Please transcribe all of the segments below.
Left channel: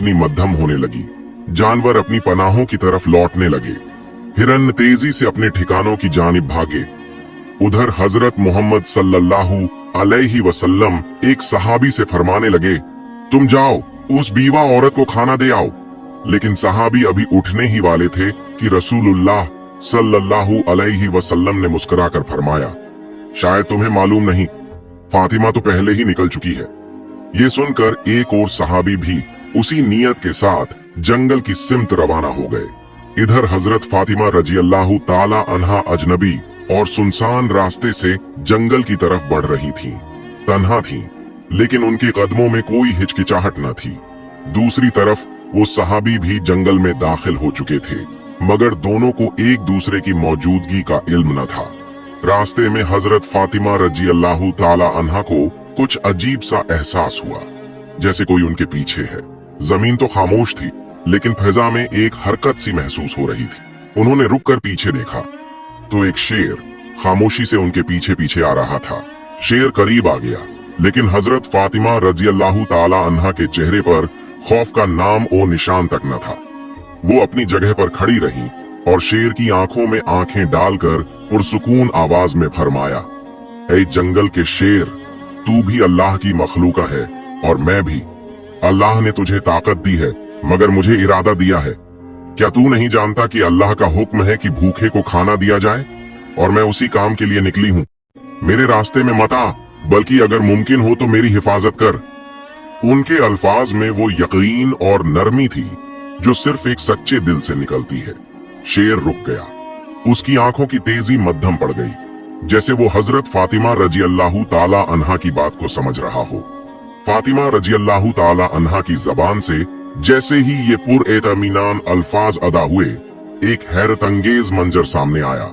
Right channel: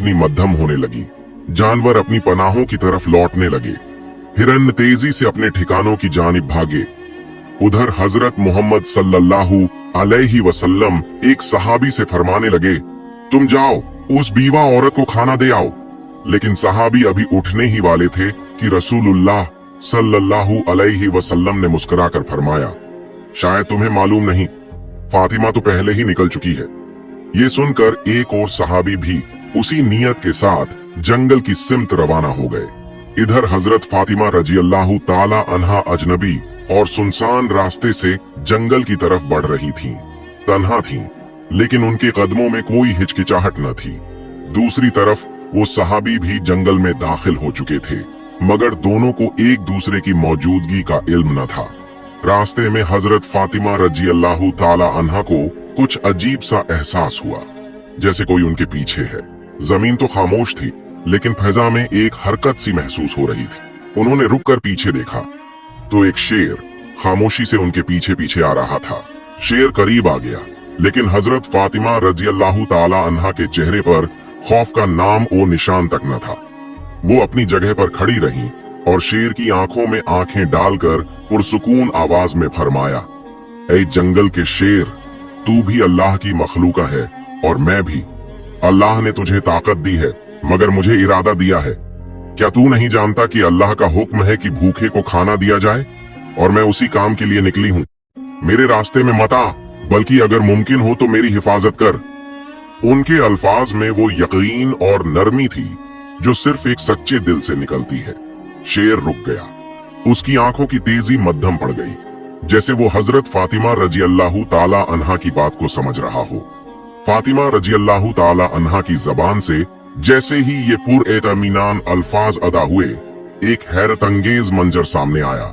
रोशनी मध्यम होने लगी। जानवर अपनी पनाहों की तरफ लौटने लगे। हिरन तेजी से अपने ठिकानों की जानिब भागे। उधर हजरत मोहम्मद सल्लल्लाहु अलैहि वसल्लम एक सहाबी से फरमाने लगे, तुम जाओ उस बीवा औरत को खाना दे आओ। लेकिन सहाबी अभी उठने ही वाले थे कि रसूलुल्लाह सल्लल्लाहु अलैहि वसल्लम ने मुस्कुराकर फरमाया, शायद तुम्हें मालूम नहीं, फातिमा तो पहले ही निकल चुकी है। ये सुनकर एक और सहाबी भी उसी नियत के साथ जंगल की सिमत रवाना हो गए। इधर हजरत फातिमा रजी अल्लाह ताला अन्हा अजनबी और सुनसान रास्ते से जंगल की तरफ बढ़ रही थी। तन्हा थी, लेकिन उनके कदमों में कोई हिचकिचाहट न थी। दूसरी तरफ वो सहाबी भी जंगल में दाखिल हो चुके थे, मगर दोनों को एक दूसरे की मौजूदगी का इल्म न था। रास्ते में हजरत फातिमा रजी अल्लाह ताला अन्हा को कुछ अजीब सा एहसास हुआ, जैसे कोई उनके पीछे है। जमीन तो खामोश थी, लेकिन फिजा में एक हरकत सी महसूस हो रही थी। उन्होंने रुक कर पीछे देखा तो एक शेर खामोशी से उनके पीछे पीछे आ रहा था। शेर करीब आ गया, लेकिन हजरत फातिमा रजी अल्लाह ताला अन्हा के चेहरे पर खौफ का नाम और निशान तक न था। वो अपनी जगह पर खड़ी रही और शेर की आंखों में आंखें डालकर पुरसुकून आवाज में फरमाया, ऐ जंगल के शेर, तू भी अल्लाह की मखलूका है और मैं भी। अल्लाह ने तुझे ताकत दी है, मगर मुझे इरादा दिया है। क्या तू नहीं जानता कि अल्लाह का हुक्म है कि भूखे को खाना दिया जाए, और मैं उसी काम के लिए निकली हूँ। मेरे रास्ते में मत आ, बल्कि अगर मुमकिन हो तो मेरी हिफाजत कर। उनके अल्फाज में वो यकीन और नरमी थी जो सिर्फ एक सच्चे दिल से निकलती है। शेर रुक गया, उसकी आंखों की तेजी मध्यम पड़ गई, जैसे वो हजरत फातिमा रजी अल्लाह ताला अन्हा की बात को समझ रहा हो। फातिमा रजी अल्लाह ताला अन्हा की जबान से जैसे ही ये पुरएतमीनान अल्फाज अदा हुए, एक हैरत अंगेज मंजर सामने आया।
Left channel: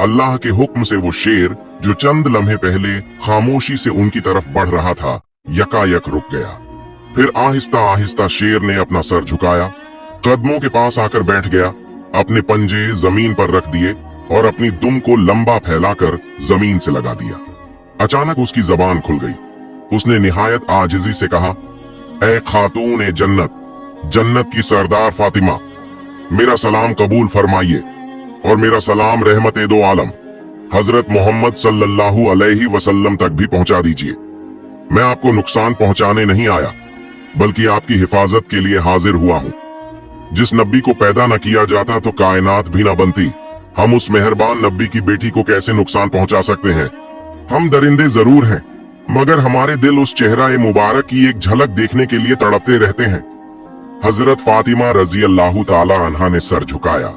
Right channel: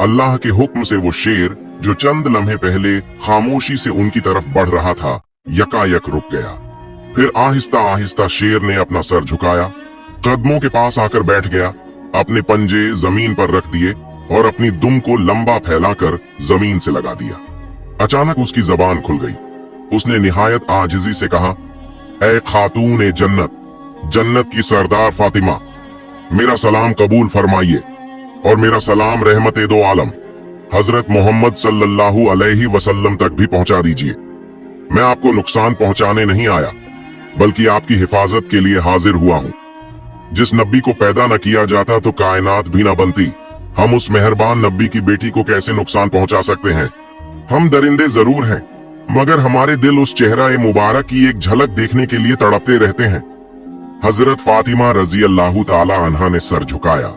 अल्लाह के हुक्म से वो शेर जो चंद लम्हे पहले खामोशी से उनकी तरफ बढ़ रहा था, यकायक रुक गया। फिर आहिस्ता आहिस्ता शेर ने अपना सर झुकाया, कदमों के पास आकर बैठ गया, अपने पंजे जमीन पर रख दिए और अपनी दुम को लंबा फैलाकर जमीन से लगा दिया। अचानक उसकी जबान खुल गई। उसने निहायत आजिजी से कहा, ऐ खातून जन्नत, जन्नत की सरदार फातिमा, मेरा सलाम कबूल फरमाइए और मेरा सलाम रहमत दो आलम हजरत मोहम्मद सल्लल्लाहु अलैहि वसल्लम तक भी पहुंचा दीजिए। मैं आपको नुकसान पहुंचाने नहीं आया, बल्कि आपकी हिफाजत के लिए हाजिर हुआ हूँ। जिस नबी को पैदा न किया जाता तो कायनात भी न बनती। हम उस मेहरबान नबी की बेटी को कैसे नुकसान पहुंचा सकते हैं? हम दरिंदे जरूर हैं, मगर हमारे दिल उस चेहरा मुबारक की एक झलक देखने के लिए तड़पते रहते हैं। हजरत फातिमा रजी अल्लाह ताला अन्हा ने सर झुकाया,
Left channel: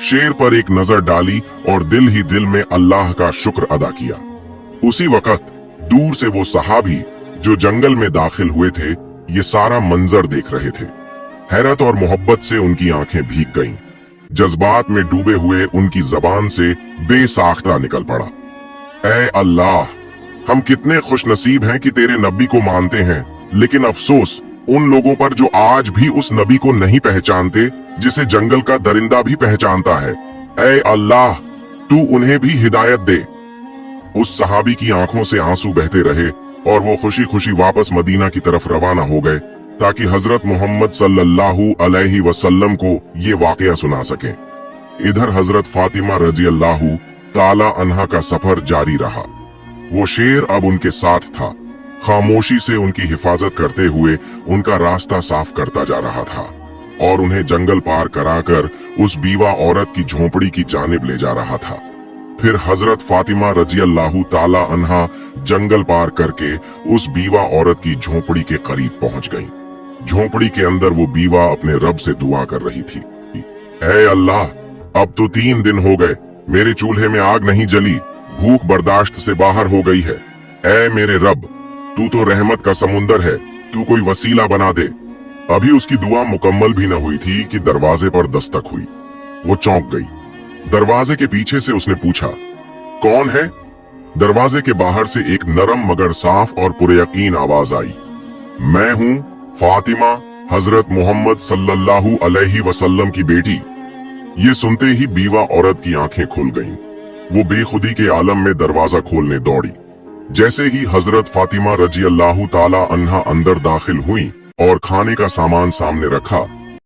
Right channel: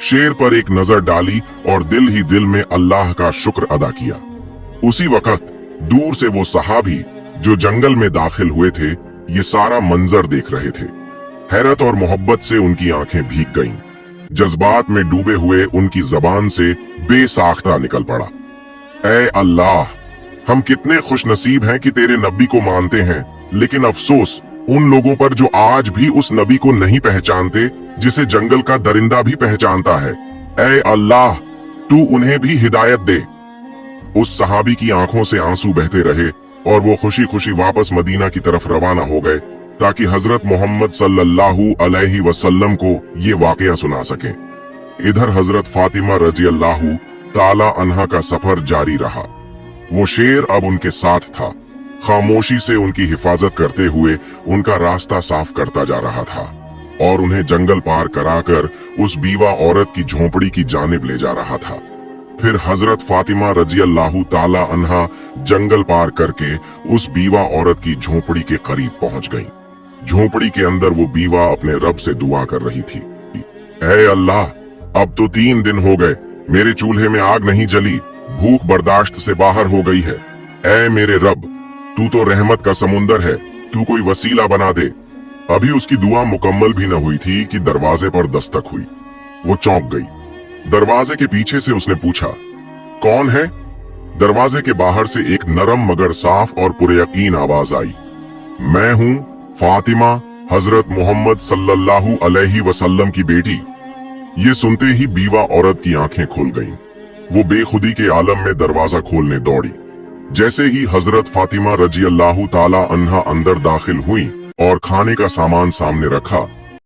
शेर पर एक नजर डाली और दिल ही दिल में अल्लाह का शुक्र अदा किया। उसी वक्त दूर से वो सहाबी जो जंगल में दाखिल हुए थे, ये सारा मंजर देख रहे थे। हैरत और मोहब्बत से उनकी आंखें भीग गईं। जज्बात में डूबे हुए उनकी जबान से बेसाख्ता निकल पड़ा, ऐ अल्लाह, हम कितने खुशनसीब हैं कि तेरे नबी को मानते हैं, लेकिन अफसोस उन लोगों पर जो आज भी उस नबी को नहीं पहचानते जिसे जंगल का दरिंदा भी पहचानता है। ऐ अल्लाह, तू उन्हें भी हिदायत दे। उस सहाबी की आंखों से आंसू बहते रहे और वो खुशी खुशी वापस मदीना की तरफ रवाना हो गए, ताकि हजरत मोहम्मद सल्लल्लाहु अलैहि वसल्लम को ये वाकया सुना सके। इधर हजरत फातिमा रजी अल्लाह ताला अन्हा का सफर जारी रहा। वो शेर अब उनके साथ था, खामोशी से उनकी हिफाजत करते हुए उनका रास्ता साफ करता जा रहा था और उन्हें जंगल पार कराकर उस बीवा औरत की झोंपड़ी की जानिब ले जा रहा था। फिर हजरत फातिमा रजी अल्लाह ताला अन्हा जंगल पार करके उस बीवा औरत की झोंपड़ी के करीब पहुंच गईं। झोंपड़ी के अंदर वो बीवा अपने रब से दुआ कर रही थी, ऐ अल्लाह, अब तो 3 दिन हो गए, मेरे चूल्हे में आग नहीं जली, भूख बर्दाश्त से बाहर हो गई है। ऐ मेरे रब, तू तो रहमत का समुंदर है, तू कोई वसीला बना दे। अभी उसकी दुआ मुकम्मल भी न हुई थी कि दरवाजे पर दस्तक हुई। वो चौंक गई। दरवाजे के पीछे से उसने पूछा, कौन है? दरवाजे के बाहर से एक नरम मगर साफ और पुरयकीन आवाज आई, मैं हूँ फातिमा, हजरत मोहम्मद सल्लल्लाहु अलैहि वसल्लम की बेटी। ये सुनते ही बीवा औरत की आंखें खुल गईं। वो बेखुदी के आलम में दरवाजा खोलने दौड़ी। जैसे ही हजरत फातिमा रजी अल्लाह ताला अन्हा अंदर दाखिल हुई और खाने का सामान सामने रखा